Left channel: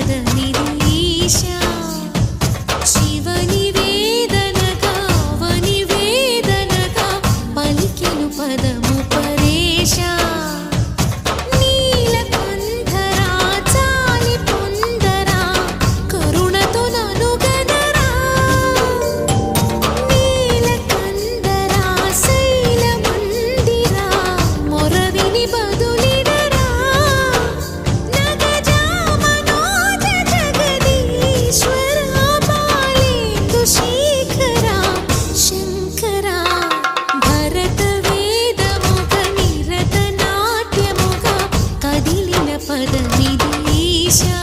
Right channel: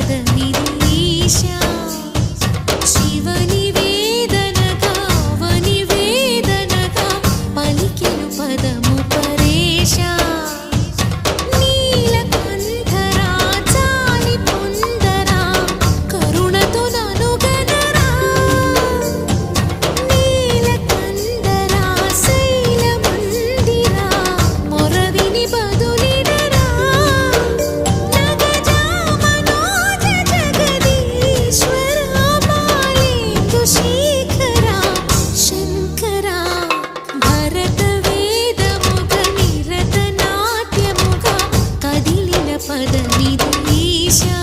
పదమిది ఈశా శివని వేదనగా వని వేదనగా పలికెను పదము పరేశా నీలకంఠరా చాలి పొందరా కరుణతో ననుగనరా నీలకంఠరా శైల మందిరా మొరవిని బదులిడరా నగజా మనోజ జగదీశ్వరా బాలేందు శేఖరా శంకరా భరత వేదముగ నిరత నాట్యముగా కదిలిన పదమిది ఈశా